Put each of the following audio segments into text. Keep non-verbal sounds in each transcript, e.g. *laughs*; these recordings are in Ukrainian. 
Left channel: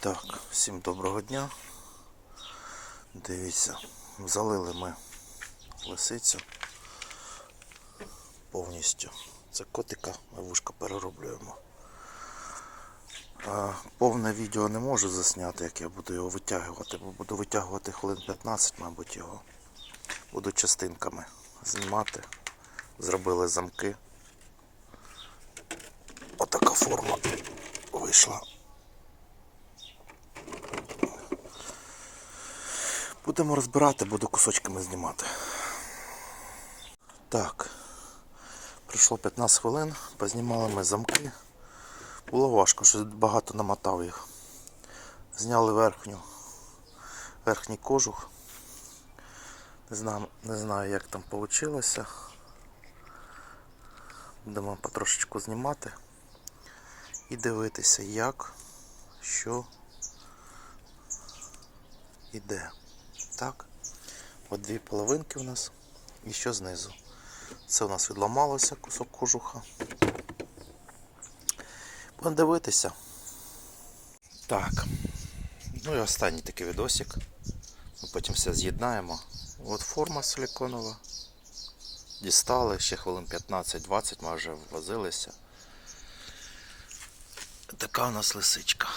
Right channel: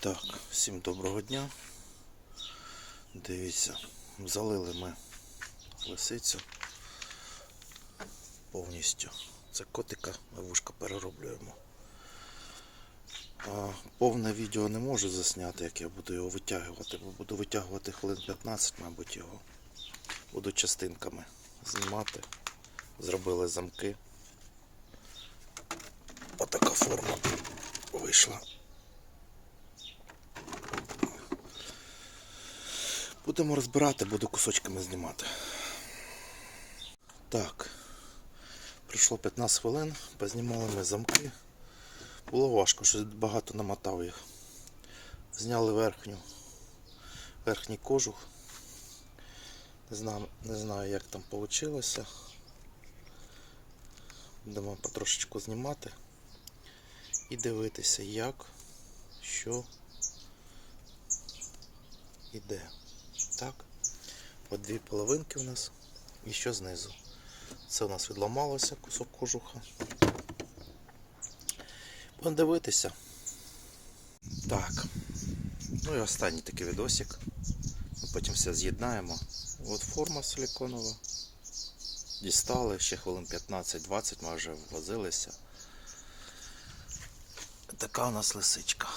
Так, всім доброго дня. Дивіться, залили ми лисицю повністю. Це котика, ми вушка перероблюємо. А, повне відео не можу засняти, як я буду його витягувати, бо буду витягувати хвилин 15, мабуть, його. Буду частинками знімати. Зробили замки. Отака форма вийшла. Будемо розбирати, буду кусочками знімати. Так. Пройшло 15 хвилин, познімали ми замки. Було важко, що багато намотав їх. Зняли верхню, верхній кожух. Не знаю, не знаю, як там вийшло. Будемо потрошечку знімати і дивитися, як, що іде. Так. От дві половинки у нас і що знизу. Це у нас відламалося кусок кожуха. Будемо дивитися. Так. Ну і останній такий відосик. Ми потім все з'єднаємо. От форма силиконова. Дістали ще хвилин 15-20 ми вже возилися. Така у нас лисичка.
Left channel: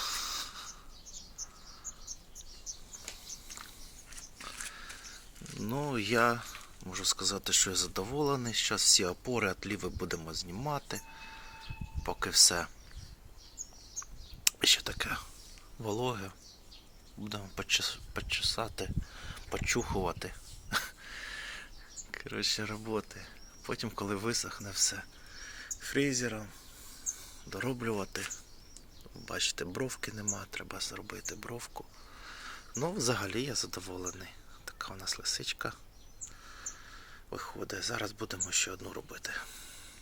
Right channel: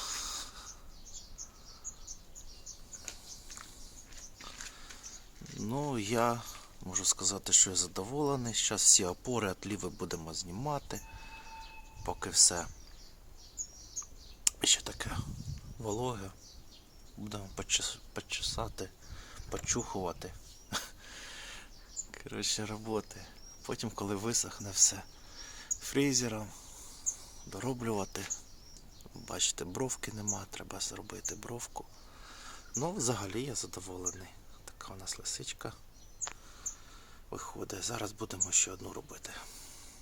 Ну, я можу сказати, що я задоволений. Зараз всі опори отліви будемо знімати. Поки все ще таке вологе. Будемо почесати, почухувати. *laughs* Коротше, роботи. Потім, коли висохне все фрізером, дороблювати. Бачите, бровки нема, треба зробити бровку. Ну, взагалі я задоволений. Така у нас лисичка виходить. Зараз будемо ще одну робити.